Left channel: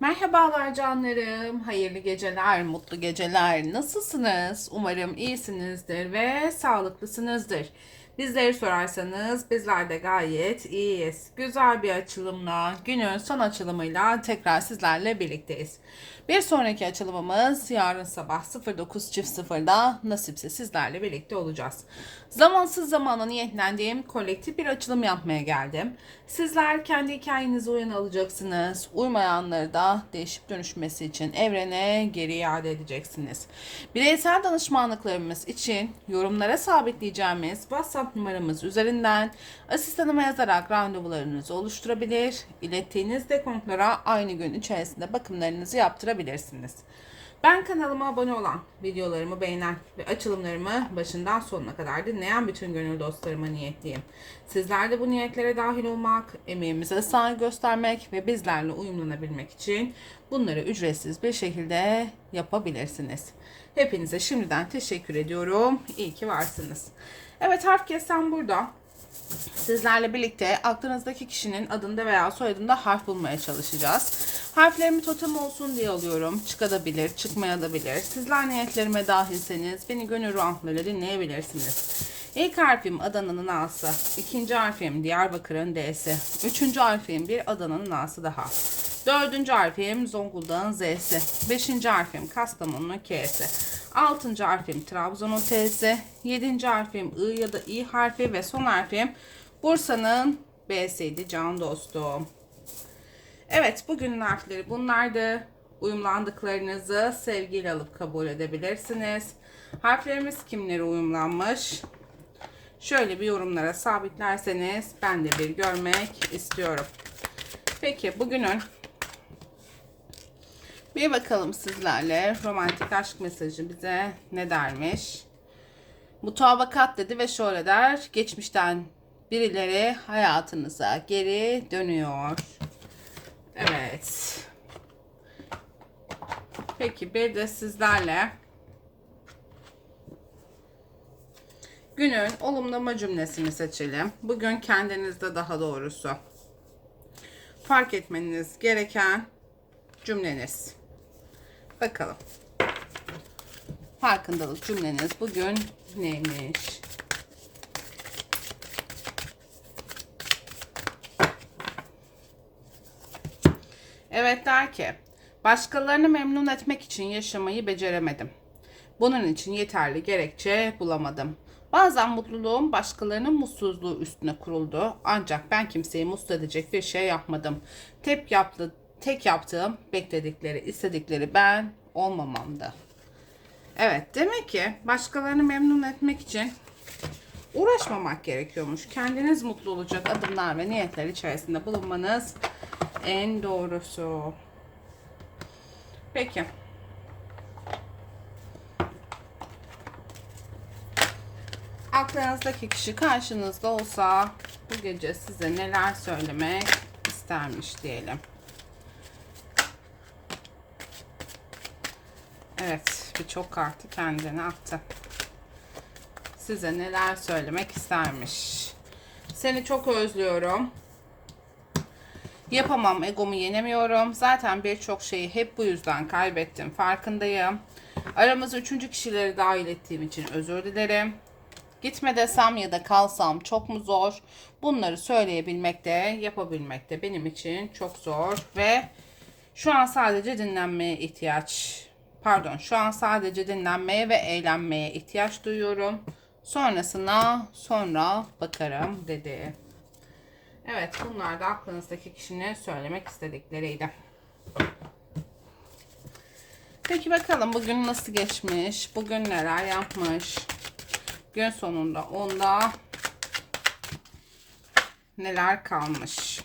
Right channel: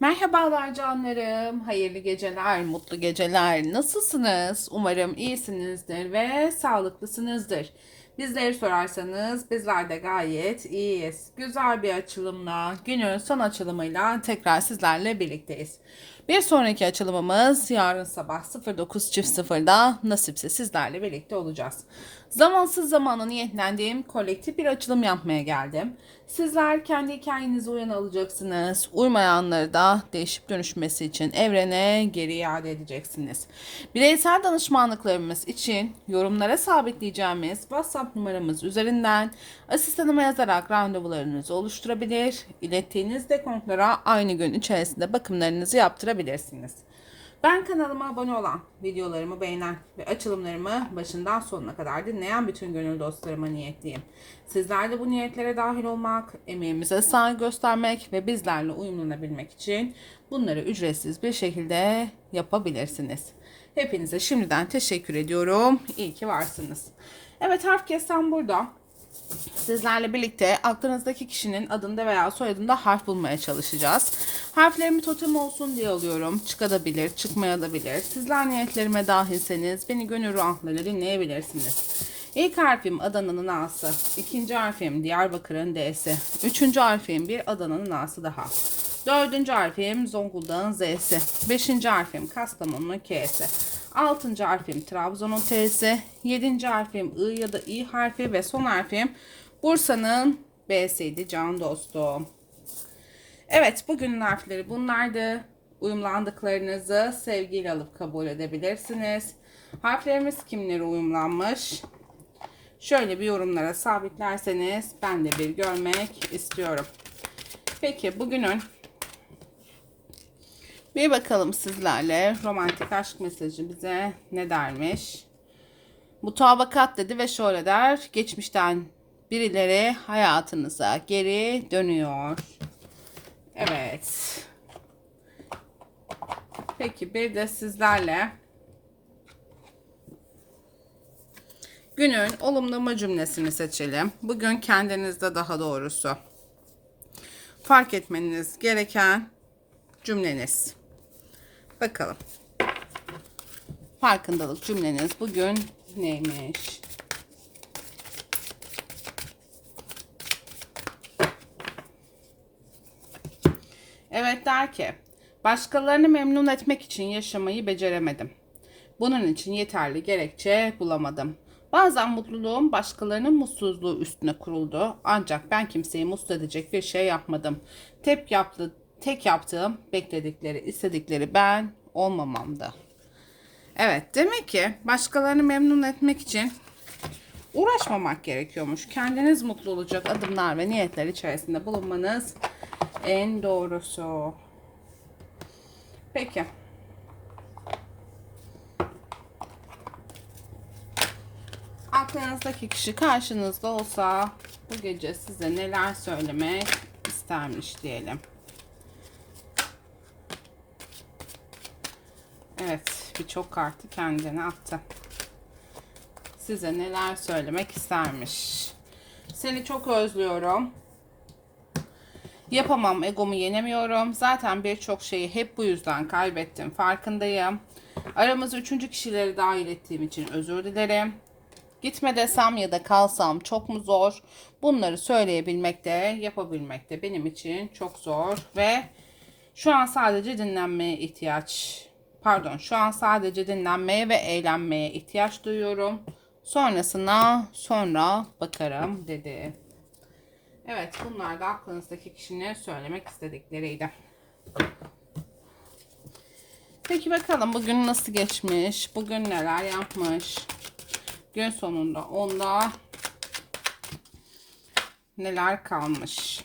Merhabalar canlarım. Hayırlı geceler, mutlu geceler. Nasılsınız? Umarım iyisinizdir ve sağlıklısınızdır. Bizleri sorarsanız bizler de gayet iyiyiz. Güzel bir açılımla, günün son açılımıyla tekrar sizlerle birlikteyiz. Bir sonraki açılımımız yarın sabah 09.00'da nasipse sizlerle birlikte olacağız. Zamansız zamana niyetlendiğim kolektif bir açılım yapmaya geldim. Sizler kendi hikayenizi uyan alacaksınız. Uymayanları da değişip dönüşmesi için evrene geri iade edeceksiniz. Bireysel danışmanlıklarımız için yorumlara sabitleyeceğimiz WhatsApp numaramız üzerinden asistanıma yazarak randevularınızı oluşturabilir. İlettiğiniz dekontlara aynı gün içerisinde bakımlarınızı yaptırabilirsiniz. Ben kanalıma abone olan, videolarımı beğenen ve açılımlarımı başından sonuna kadar dinleyen bütün gönül dostlarıma niyetliyim. Sizler de bu niyetlere dahil olmak, emeğimize saygı göstermek ve bizlerle uyumlanabilmek için bunları ücretsiz bir şekilde yapabilirsiniz. Hepinize şimdiden teşekkür ediyorum. İyi ki varsınız. Evet harf kesen burada. Sizlerle birlikte aklınızdaki kişinin adında veya soyadında harf bulmaya çalışacağız. Harflerimi totem olsun diye alıyorum. Çıkabilir, çıkmayabilir. Sizler niyetlerime dahilseniz beni gönül rahatlığıyla dinleyebilirsiniz. İlk harfim Adana'nın A'sı. ikinci harfim Diyarbakır'ın D'si. Üçüncü harfim bir Adana'nın A'sı daha. Dördüncü harfim Zonguldak'ın Z'si. Beşinci harfim Kastamonu'nun K'si. Altıncı harfim Trabzon'un T'si. Yedinci harfim I ya da İ harfi ve son harfim Bursa'nın B'siydi can dostum. Evet bugünün harfleri bunlardı. Uyumlandıklarınızı sevgiyle alıp kabul edebilirsiniz. Harflerimiz kimlere uyumlanmış? Şöyle bir yorumlara sabitlerseniz ben de bir görmek istiyorum. Peki bugünün bir bakalım sizlerle romantik aşk mesajı bize ne dermiş? Mutabakat dedi ve şöyle der. Geçmişten birileri hayatınıza geri dönüyor. Evet. Peki bir de sizlerle günün olumlama cümlesini seçelim. Bugün kendinizde daha doğrusu fark etmeniz gereken cümleniz. Bakalım. Farkındalık cümleniz bugün neymiş? Evet der ki, başkalarını memnun etmek için yaşamayı beceremedim. Bunun için yeterli gerekçe bulamadım. Bazen mutluluğum başkalarının mutsuzluğu üstüne kuruldu. Ancak ben kimseyi mutlu edecek bir şey yapmadım. Tek, yaptı, tek yaptığım bekledikleri, istedikleri ben olmamamdı. Evet demek ki başkalarını memnun etmek için uğraşmamak gerekiyormuş. Kendiniz mutlu olacak adımlar ve niyetler içerisinde bulunmanız en doğrusu. Peki. Aklınızdaki kişi karşınızda olsa bu gece size neler söylemek istermiş diyelim. Evet, birçok kartı kendine attı. Size neler söylemek istermiş. Seni çok özlüyorum. Yapamam, egomu yenemiyorum. Zaten birçok şeyi hep bu yüzden kaybettim. Farkındayım. Aramıza üçüncü kişileri dahil ettiğim için özür dilerim. Gitme desem ya da kalsam çok mu zor? Bunları söyleyebilmek de, yapabilmek de benim için çok zor ve şu an sadece dinlenmeye ihtiyaç pardon şu an sadece dinlenmeye ve eğlenmeye ihtiyaç duyuyorum. Sonrasına sonra bakarım dedi. Evet bunlar da aklınızdaki kişinin söylemek istedikleriydi. Peki bakalım bugün nasıl geçmiş? Bugün neler yapmış? Gün sonunda onda neler kalmış?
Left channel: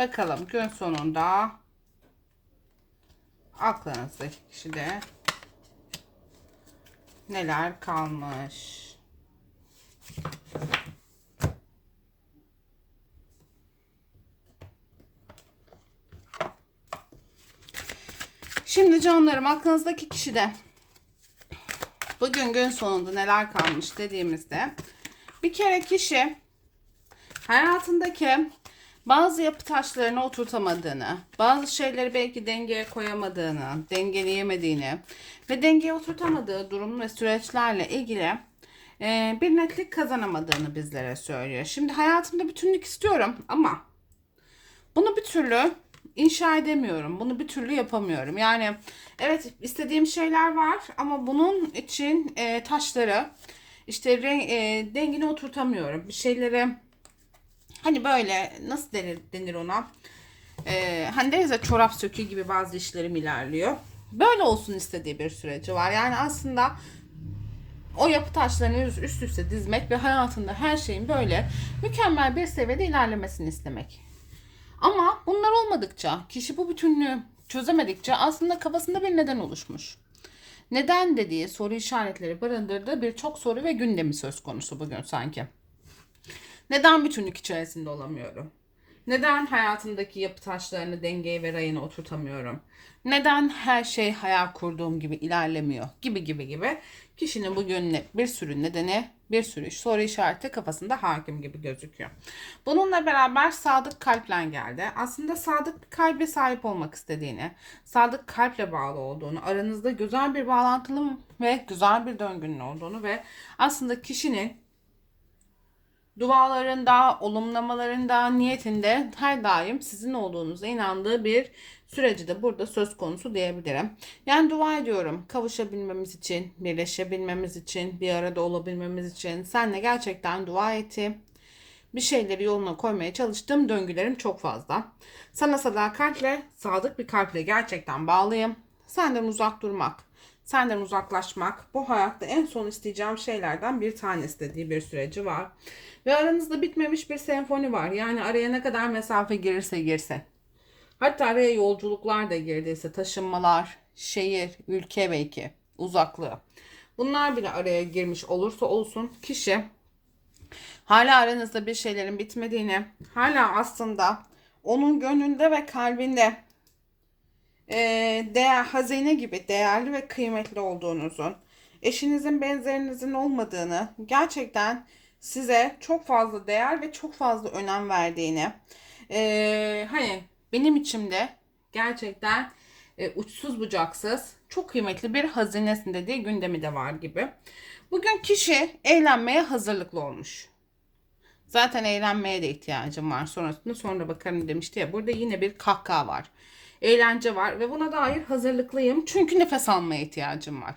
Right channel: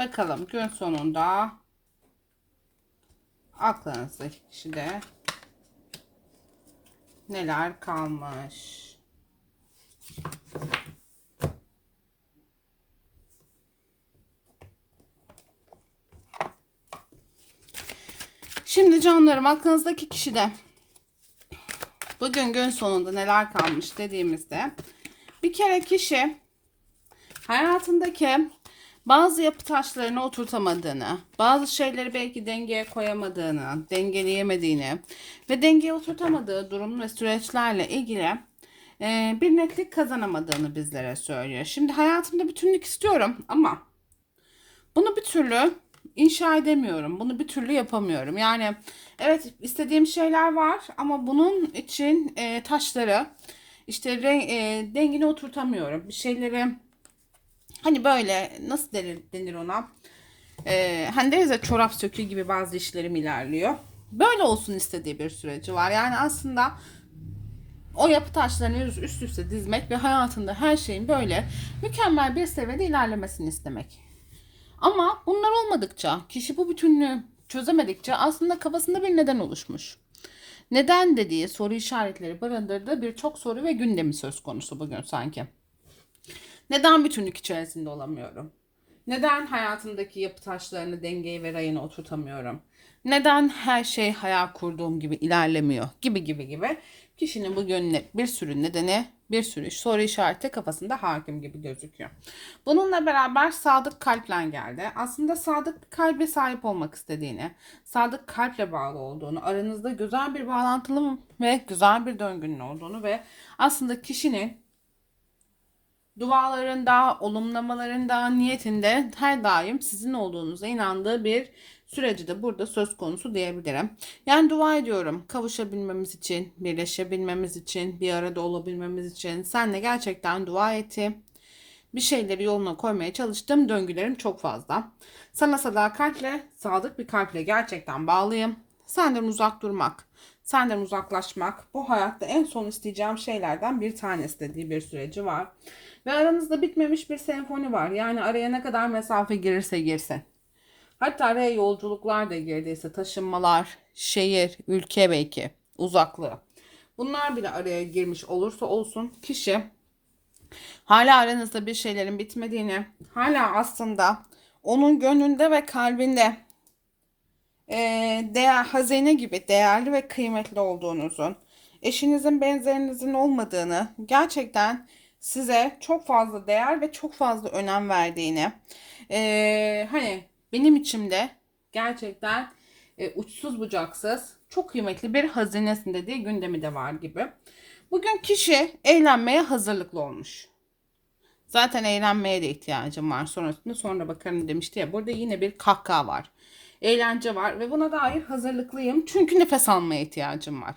Bakalım gün sonunda aklınızdaki kişide neler kalmış. Şimdi canlarım aklınızdaki kişi de bugün gün sonunda neler kalmış dediğimizde bir kere kişi hayatındaki bazı yapı taşlarını oturtamadığını, bazı şeyleri belki dengeye koyamadığını, dengeleyemediğini ve dengeye oturtamadığı durum ve süreçlerle ilgili e, bir netlik kazanamadığını bizlere söylüyor. Şimdi hayatımda bütünlük istiyorum ama bunu bir türlü inşa edemiyorum. Bunu bir türlü yapamıyorum. Yani evet istediğim şeyler var ama bunun için e, taşları işte re- e, dengine oturtamıyorum. Bir şeyleri hani böyle nasıl denir, denir ona? E, hani deriz ya çorap sökü gibi bazı işlerim ilerliyor. Böyle olsun istediği bir süreci var. Yani aslında o yapı taşlarını üst üste dizmek ve hayatında her şeyin böyle mükemmel bir seviyede ilerlemesini istemek. Ama bunlar olmadıkça, kişi bu bütünlüğü çözemedikçe aslında kafasında bir neden oluşmuş. Neden dediği soru işaretleri barındırdığı birçok soru ve gündemi söz konusu bugün sanki. Neden bütünlük içerisinde olamıyorum? Neden hayatımdaki yapı taşlarını dengeye ve rayına oturtamıyorum? Neden her şey hayal kurduğum gibi ilerlemiyor? Gibi gibi gibi. Kişinin bugün ne- bir sürü nedeni, bir sürü soru işareti kafasında hakim gibi gözüküyor. Bununla beraber sadık kalple geldi. Aslında sadık bir kalbe sahip olmak istediğini, sadık kalple bağlı olduğunu, aranızda güzel bir bağlantılı ve güzel bir döngünün olduğunu ve aslında kişinin dualarında, olumlamalarında, niyetinde her daim sizin olduğunuza inandığı bir süreci de burada söz konusu diyebilirim. Yani dua ediyorum kavuşabilmemiz için, birleşebilmemiz için, bir arada olabilmemiz için. Senle gerçekten dua ettim. Bir şeyleri yoluna koymaya çalıştım. Döngülerim çok fazla. Sana sadakatle, sadık bir kalple gerçekten bağlıyım. Senden uzak durmak, senden uzaklaşmak bu hayatta en son isteyeceğim şeylerden bir tanesi dediği bir süreci var. Ve aranızda bitmemiş bir senfoni var. Yani araya ne kadar mesafe girirse girsin. Hatta araya yolculuklar da girdiyse taşınmalar, şehir, ülke belki, uzaklığı. Bunlar bile araya girmiş olursa olsun kişi hala aranızda bir şeylerin bitmediğini, hala aslında onun gönlünde ve kalbinde eee, değer, hazine gibi değerli ve kıymetli olduğunuzun, eşinizin benzerinizin olmadığını, gerçekten size çok fazla değer ve çok fazla önem verdiğini, eee, hani benim içimde gerçekten e, uçsuz bucaksız çok kıymetli bir hazinesin dediği gündemi de var gibi. Bugün kişi eğlenmeye hazırlıklı olmuş. Zaten eğlenmeye de ihtiyacım var. Sonrasında sonra bakarım demişti ya. Burada yine bir kahkaha var. Eğlence var ve buna dair hazırlıklıyım. Çünkü nefes almaya ihtiyacım var.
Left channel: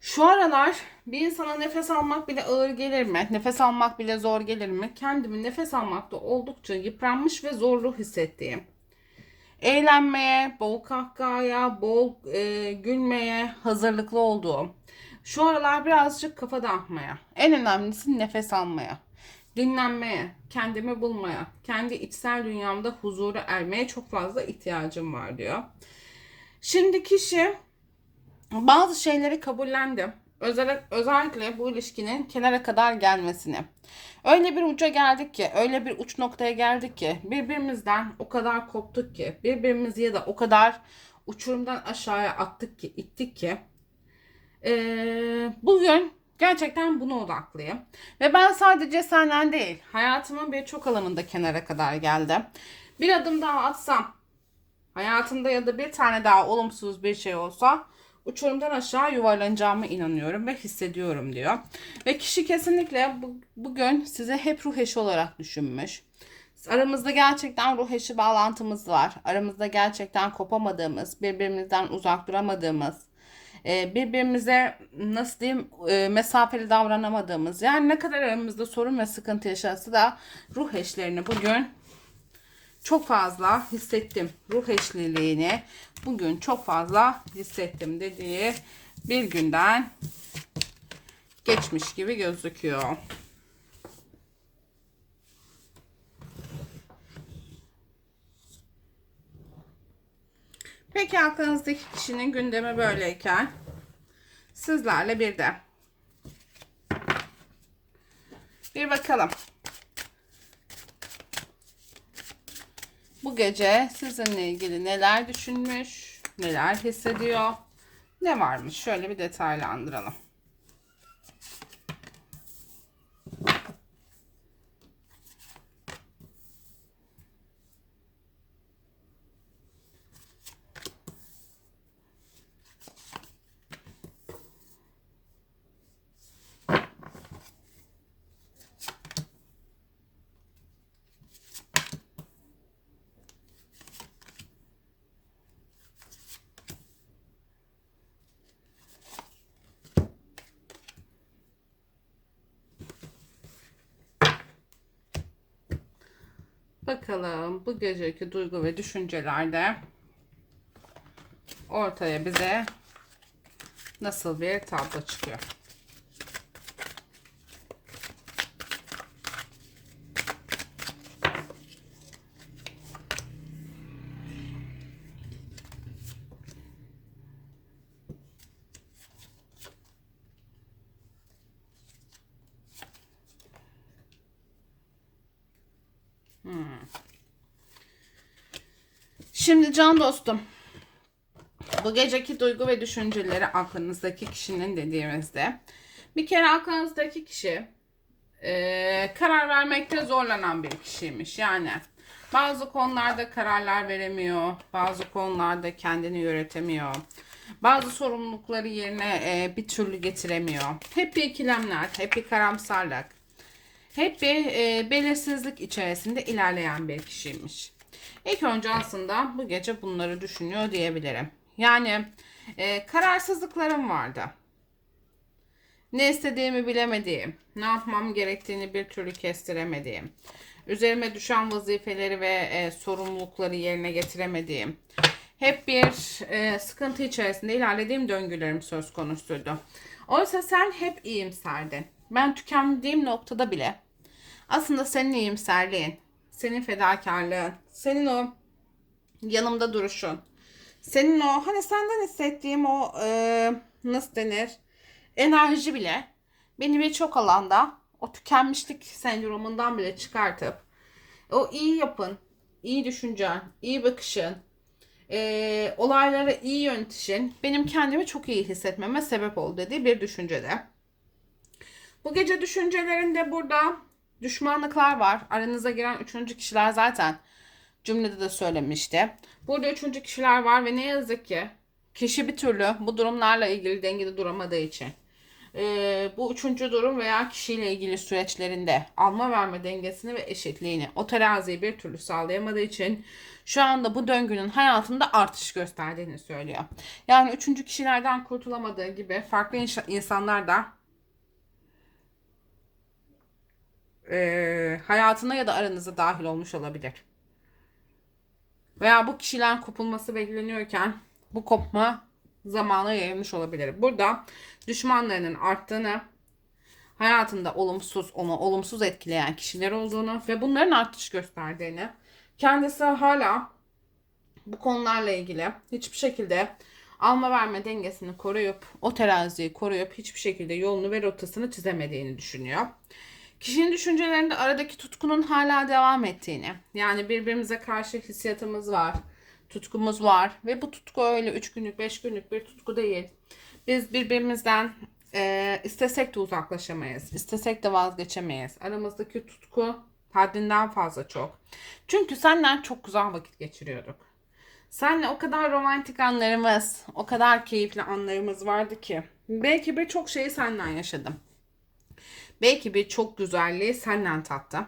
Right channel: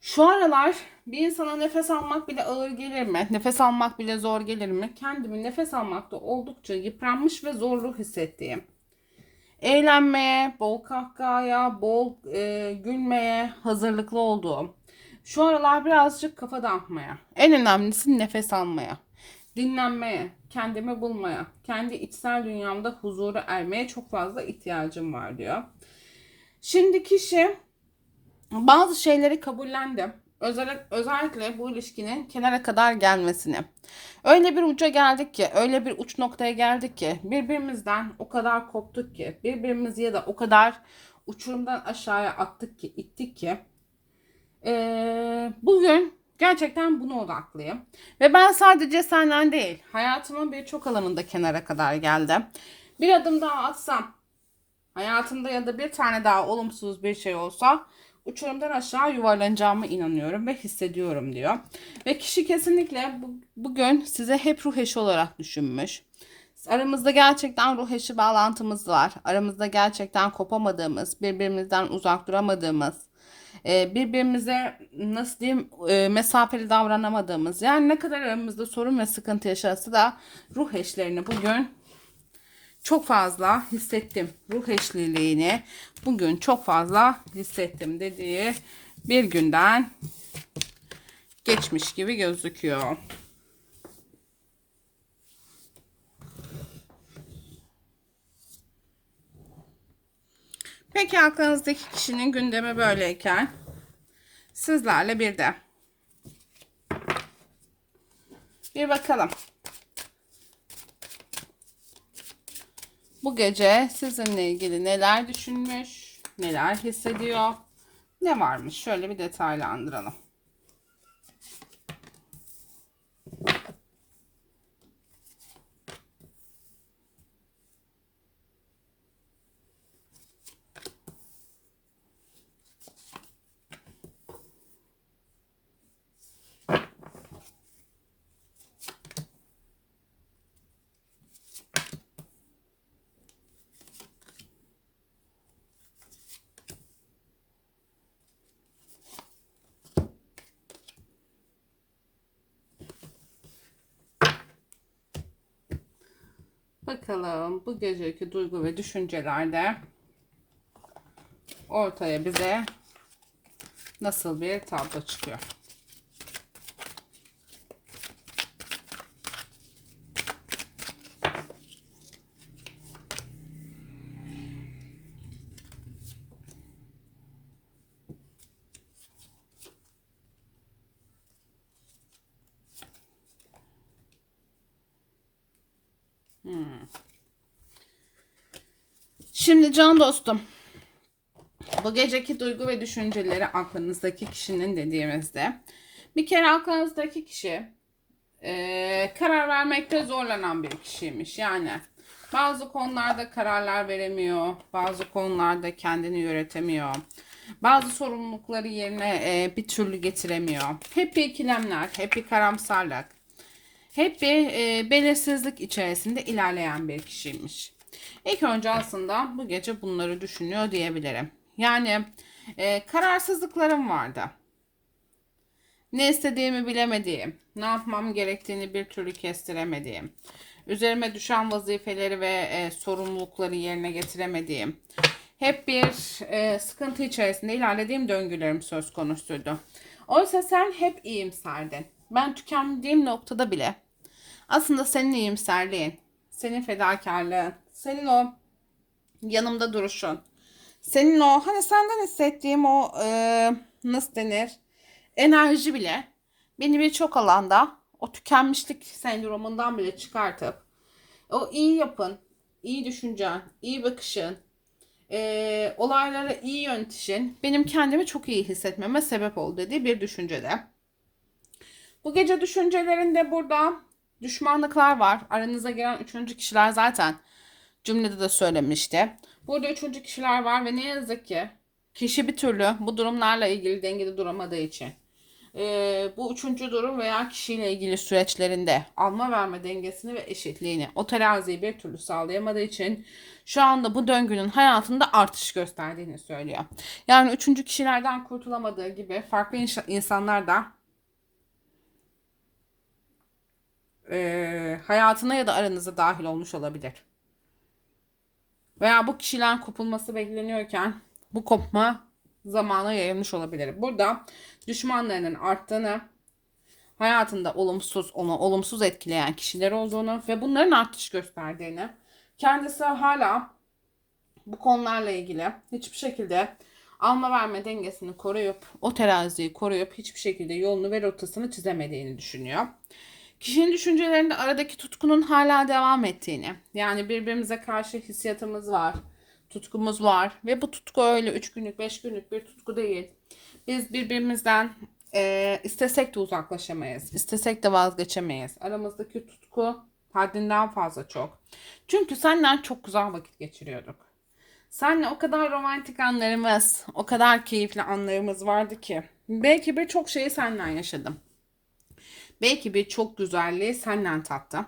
Şu aralar bir insana nefes almak bile ağır gelir mi? Nefes almak bile zor gelir mi? Kendimi nefes almakta oldukça yıpranmış ve zorlu hissettiğim. Eğlenmeye, bol kahkahaya, bol e, gülmeye hazırlıklı olduğum. Şu aralar birazcık kafa dağıtmaya. En önemlisi nefes almaya. Dinlenmeye, kendimi bulmaya, kendi içsel dünyamda huzura ermeye çok fazla ihtiyacım var diyor. Şimdi kişi bazı şeyleri kabullendi. Özellikle, özellikle bu ilişkinin kenara kadar gelmesini. Öyle bir uca geldik ki, öyle bir uç noktaya geldik ki, birbirimizden o kadar koptuk ki, birbirimizi ya da o kadar uçurumdan aşağıya attık ki, ittik ki, eee, bugün gerçekten buna odaklıyım. Ve ben sadece senden değil, hayatımın birçok alanında kenara kadar geldim. Bir adım daha atsam, hayatımda ya da bir tane daha olumsuz bir şey olsa uçurumdan aşağı yuvarlanacağımı inanıyorum ve hissediyorum diyor. Ve kişi kesinlikle bu, bugün size hep ruh eşi olarak düşünmüş. Aramızda gerçekten ruh eşi bağlantımız var. Aramızda gerçekten kopamadığımız, birbirimizden uzak duramadığımız, e, birbirimize nasıl diyeyim e, mesafeli davranamadığımız yani ne kadar aramızda sorun ve sıkıntı yaşarsa da ruh eşlerini bugün çok fazla hissettim. Ruh eşliliğini bugün çok fazla hissettim dediği bir günden geçmiş gibi gözüküyor. Peki aklınızdaki kişinin gündemi böyleyken sizlerle bir de. Bir bakalım. Bu gece sizinle ilgili neler düşünmüş, neler hissediyor, ne varmış? Şöyle bir detaylandıralım. Bakalım bu geceki duygu ve düşüncelerde ortaya bize nasıl bir tablo çıkıyor. Şimdi can dostum. Bu geceki duygu ve düşünceleri aklınızdaki kişinin dediğimizde bir kere aklınızdaki kişi e, karar vermekte zorlanan bir kişiymiş. Yani bazı konularda kararlar veremiyor, bazı konularda kendini yönetemiyor. Bazı sorumlulukları yerine e, bir türlü getiremiyor. Hep bir ikilemler, hep bir karamsarlık, hep bir e, belirsizlik içerisinde ilerleyen bir kişiymiş. İlk önce aslında bu gece bunları düşünüyor diyebilirim. Yani e, kararsızlıklarım vardı. Ne istediğimi bilemediğim, ne yapmam gerektiğini bir türlü kestiremediğim, üzerime düşen vazifeleri ve e, sorumlulukları yerine getiremediğim, hep bir e, sıkıntı içerisinde ilerlediğim döngülerim söz konusuydu. Oysa sen hep iyimserdin. Ben tükendiğim noktada bile aslında senin iyimserliğin, senin fedakarlığın, senin o yanımda duruşun, senin o hani senden hissettiğim o e, nasıl denir enerji bile beni birçok alanda o tükenmişlik sendromundan bile çıkartıp o iyi yapın, iyi düşüncen, iyi bakışın, e, olaylara iyi yönetişin benim kendimi çok iyi hissetmeme sebep oldu dediği bir düşüncede. Bu gece düşüncelerinde burada düşmanlıklar var. Aranıza giren üçüncü kişiler zaten cümlede de söylemişti. Burada üçüncü kişiler var ve ne yazık ki kişi bir türlü bu durumlarla ilgili dengede duramadığı için e, bu üçüncü durum veya kişiyle ilgili süreçlerinde alma verme dengesini ve eşitliğini o teraziyi bir türlü sağlayamadığı için şu anda bu döngünün hayatında artış gösterdiğini söylüyor. Yani üçüncü kişilerden kurtulamadığı gibi farklı insanlar da e, hayatına ya da aranıza dahil olmuş olabilir. Veya bu kişiden kopulması bekleniyorken bu kopma zamana yayılmış olabilir. Burada düşmanlarının arttığını, hayatında olumsuz, onu olumsuz etkileyen kişiler olduğunu ve bunların artış gösterdiğini, kendisi hala bu konularla ilgili hiçbir şekilde alma verme dengesini koruyup, o teraziyi koruyup hiçbir şekilde yolunu ve rotasını çizemediğini düşünüyor. Kişinin düşüncelerinde aradaki tutkunun hala devam ettiğini, yani birbirimize karşı hissiyatımız var, tutkumuz var ve bu tutku öyle 3 günlük, 5 günlük bir tutku değil. Biz birbirimizden e, istesek de uzaklaşamayız, istesek de vazgeçemeyiz. Aramızdaki tutku haddinden fazla çok. Çünkü senden çok güzel vakit geçiriyorduk. Seninle o kadar romantik anlarımız, o kadar keyifli anlarımız vardı ki. Belki birçok şeyi senden yaşadım. Belki bir çok güzelliği senden tattı.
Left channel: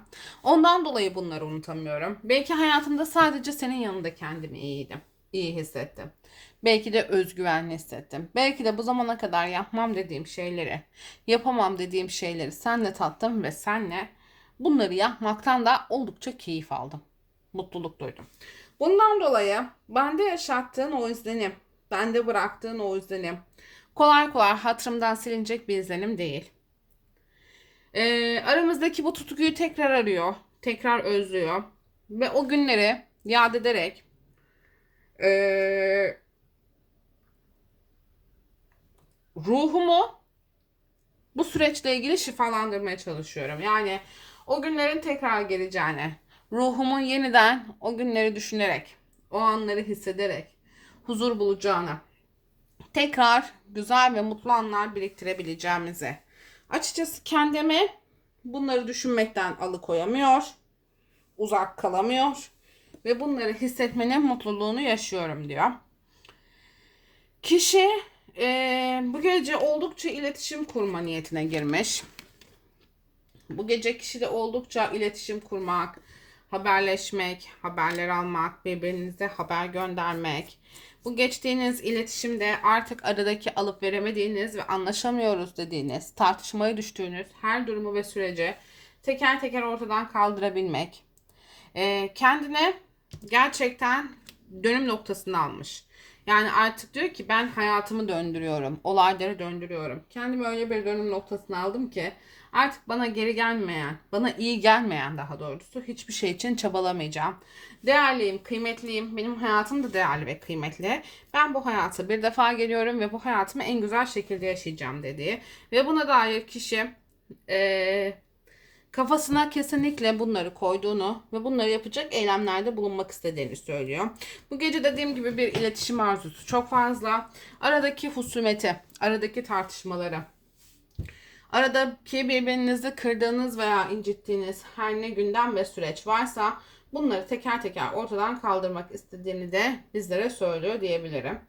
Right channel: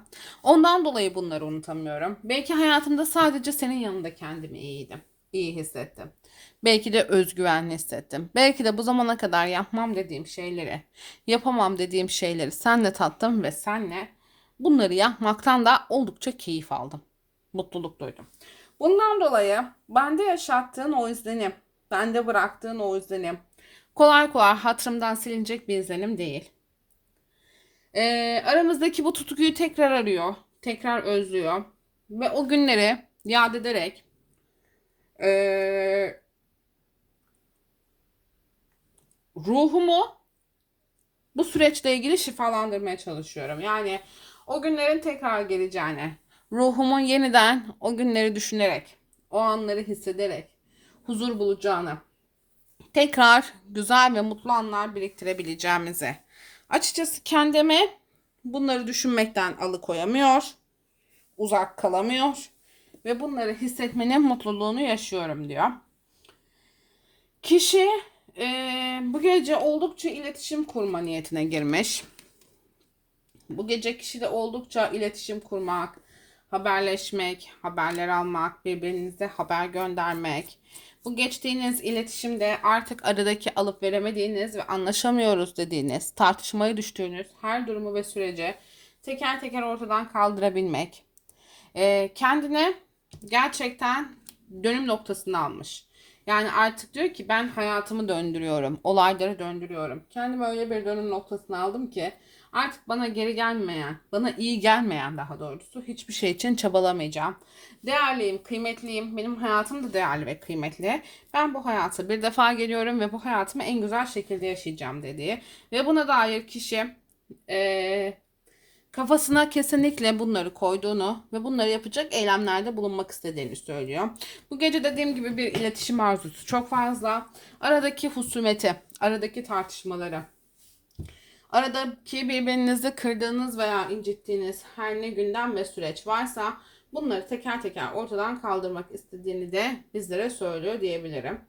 Ondan dolayı bunları unutamıyorum. Belki hayatımda sadece senin yanında kendimi iyiydim. İyi hissettim. Belki de özgüvenli hissettim. Belki de bu zamana kadar yapmam dediğim şeyleri, yapamam dediğim şeyleri senle tattım ve senle bunları yapmaktan da oldukça keyif aldım. Mutluluk duydum. Bundan dolayı bende yaşattığın o izlenim, bende bıraktığın o izlenim kolay kolay hatırımdan silinecek bir izlenim değil. Ee, aramızdaki bu tutkuyu tekrar arıyor. Tekrar özlüyor. Ve o günleri yad ederek ee, ruhumu bu süreçle ilgili şifalandırmaya çalışıyorum. Yani o günlerin tekrar geleceğini, ruhumun yeniden o günleri düşünerek, o anları hissederek huzur bulacağını, tekrar güzel ve mutlu anlar biriktirebileceğimizi. Açıkçası kendimi bunları düşünmekten alıkoyamıyor, uzak kalamıyor ve bunları hissetmenin mutluluğunu yaşıyorum diyor. Kişi e, bu gece oldukça iletişim kurma niyetine girmiş. Bu gece kişi de oldukça iletişim kurmak, haberleşmek, haberler almak, birbirinize haber göndermek. Bu geçtiğiniz iletişimde artık aradaki alıp veremediğiniz ve anlaşamıyoruz dediğiniz, tartışmaya düştüğünüz her durumu ve süreci teker teker ortadan kaldırabilmek. Ee, kendine gerçekten dönüm noktasını almış. Yani artık diyor ki ben hayatımı döndürüyorum, olayları döndürüyorum. Kendimi öyle bir dönüm noktasına aldım ki artık bana geri gelmeyen, bana iyi gelmeyen daha doğrusu hiçbir şey için çabalamayacağım. Değerliyim, kıymetliyim. Benim hayatım da değerli ve kıymetli. Ben bu hayata bir defa geliyorum ve bu hayatımı en güzel şekilde yaşayacağım dediği. Ve buna dair kişi eee, kafasına kesinlikle bunları koyduğunu ve bunları yapacak eylemlerde bulunmak istediğini söylüyor. Bu gece dediğim gibi bir iletişim arzusu çok fazla. Aradaki husumeti, aradaki tartışmaları, aradaki birbirinizi kırdığınız veya incittiğiniz her ne gündem ve süreç varsa bunları teker teker ortadan kaldırmak istediğini de bizlere söylüyor diyebilirim.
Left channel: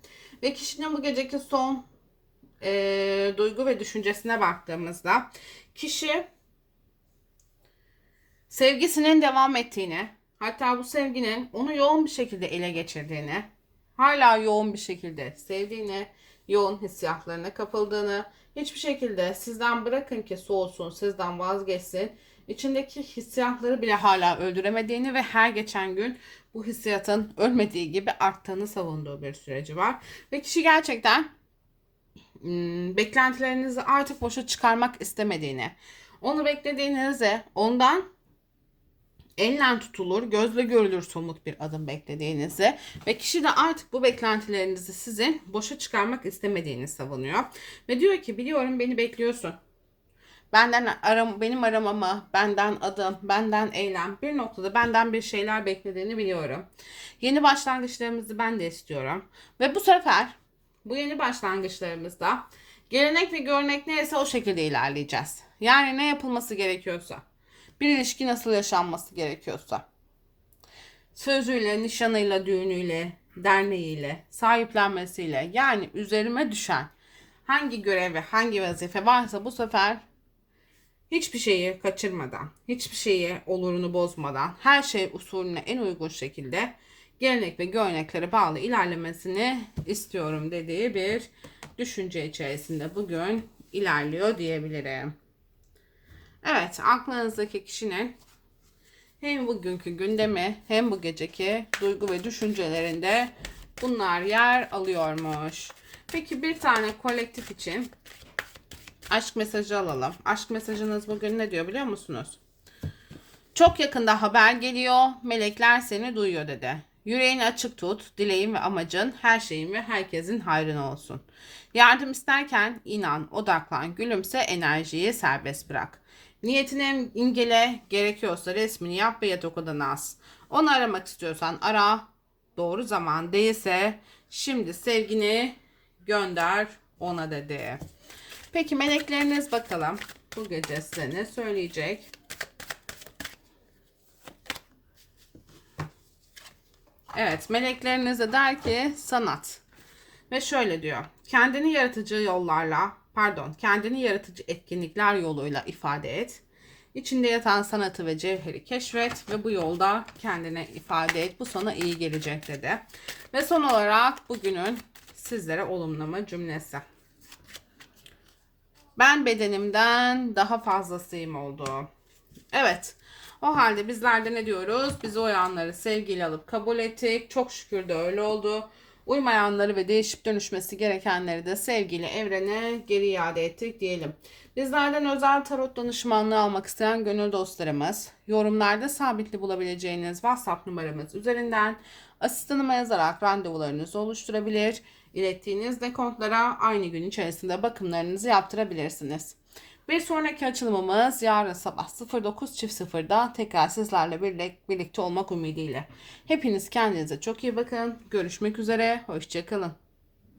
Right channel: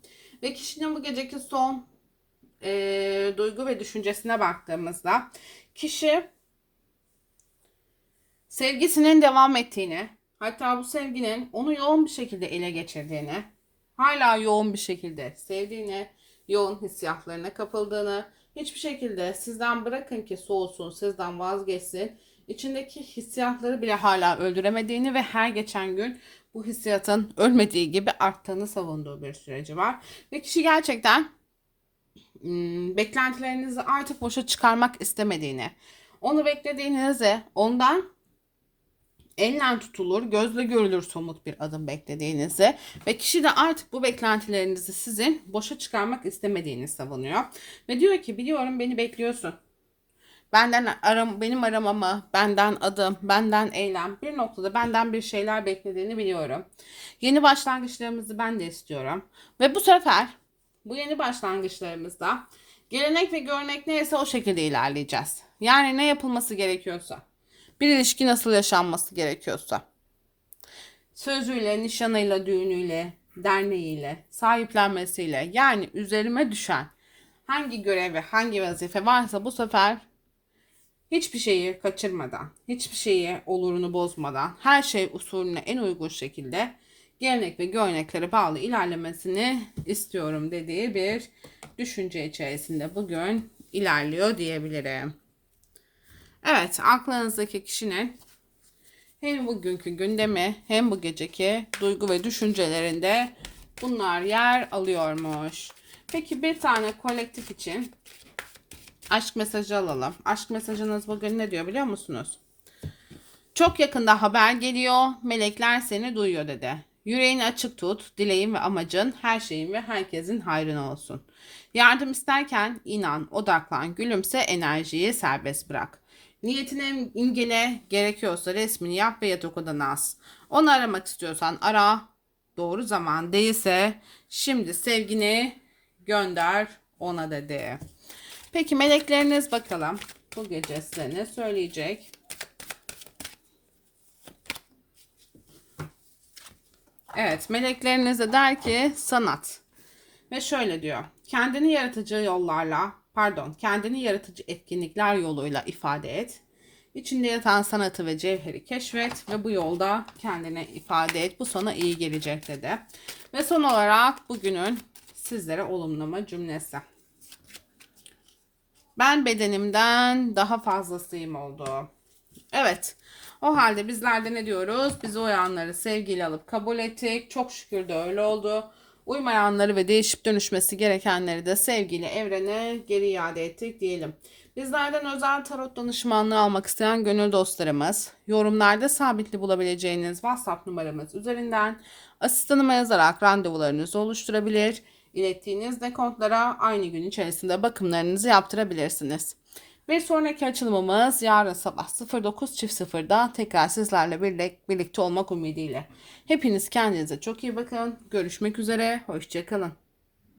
Ve kişinin bu geceki son e, duygu ve düşüncesine baktığımızda kişi sevgisinin devam ettiğini, hatta bu sevginin onu yoğun bir şekilde ele geçirdiğini, hala yoğun bir şekilde sevdiğini, yoğun hissiyatlarına kapıldığını, hiçbir şekilde sizden bırakın ki soğusun, sizden vazgeçsin, içindeki hissiyatları bile hala öldüremediğini ve her geçen gün bu hissiyatın ölmediği gibi arttığını savunduğu bir süreci var. Ve kişi gerçekten hmm, beklentilerinizi artık boşa çıkarmak istemediğini, onu beklediğinizi, ondan elle tutulur, gözle görülür somut bir adım beklediğinizi ve kişi de artık bu beklentilerinizi sizin boşa çıkarmak istemediğini savunuyor. Ve diyor ki biliyorum beni bekliyorsun. Benden aram, benim aramamı, benden adım, benden eylem, bir noktada benden bir şeyler beklediğini biliyorum. Yeni başlangıçlarımızı ben de istiyorum. Ve bu sefer bu yeni başlangıçlarımızda gelenek ve görnek neyse o şekilde ilerleyeceğiz. Yani ne yapılması gerekiyorsa bir ilişki nasıl yaşanması gerekiyorsa. Sözüyle, nişanıyla, düğünüyle, derneğiyle, sahiplenmesiyle yani üzerime düşen hangi görev hangi vazife varsa bu sefer hiçbir şeyi kaçırmadan, hiçbir şeyi olurunu bozmadan, her şey usulüne en uygun şekilde gelenek ve göreneklere bağlı ilerlemesini istiyorum dediği bir düşünce içerisinde bugün ilerliyor diyebilirim. Evet, aklınızdaki kişinin hem bugünkü gündemi hem bu geceki duygu ve düşüncelerinde bunlar yer alıyormuş. Peki bir tane kolektif için aşk mesajı alalım. Aşk mesajınız bugün ne diyor biliyor musunuz? Çok yakında haber geliyor. Melekler seni duyuyor dedi. Yüreğini açık tut. Dileğin ve amacın her şeyin ve herkesin hayrına olsun. Yardım isterken inan, odaklan, gülümse, enerjiyi serbest bırak. Niyetini imgele, gerekiyorsa resmini yap ve yatak odana as. Onu aramak istiyorsan ara. Doğru zaman değilse şimdi sevgini gönder ona dedi. Peki melekleriniz bakalım bu gece size ne söyleyecek? Evet melekleriniz de der ki sanat. Ve şöyle diyor. Kendini yaratıcı yollarla pardon kendini yaratıcı etkinlikler yoluyla ifade et. İçinde yatan sanatı ve cevheri keşfet ve bu yolda kendine ifade et. Bu sana iyi gelecek dedi. Ve son olarak bugünün sizlere olumlama cümlesi. Ben bedenimden daha fazlasıyım oldu. Evet. O halde bizler de ne diyoruz? Biz o yanları sevgiyle alıp kabul ettik. Çok şükür de öyle oldu. Uymayanları ve değişip dönüşmesi gerekenleri de sevgiyle evrene geri iade ettik diyelim. Bizlerden özel tarot danışmanlığı almak isteyen gönül dostlarımız, yorumlarda sabitli bulabileceğiniz WhatsApp numaramız üzerinden asistanıma yazarak randevularınızı oluşturabilir. ilettiğiniz dekontlara aynı gün içerisinde bakımlarınızı yaptırabilirsiniz. Bir sonraki açılımımız yarın sabah 09.00'da tekrar sizlerle birlik- birlikte olmak ümidiyle. Hepiniz kendinize çok iyi bakın. Görüşmek üzere. Hoşçakalın.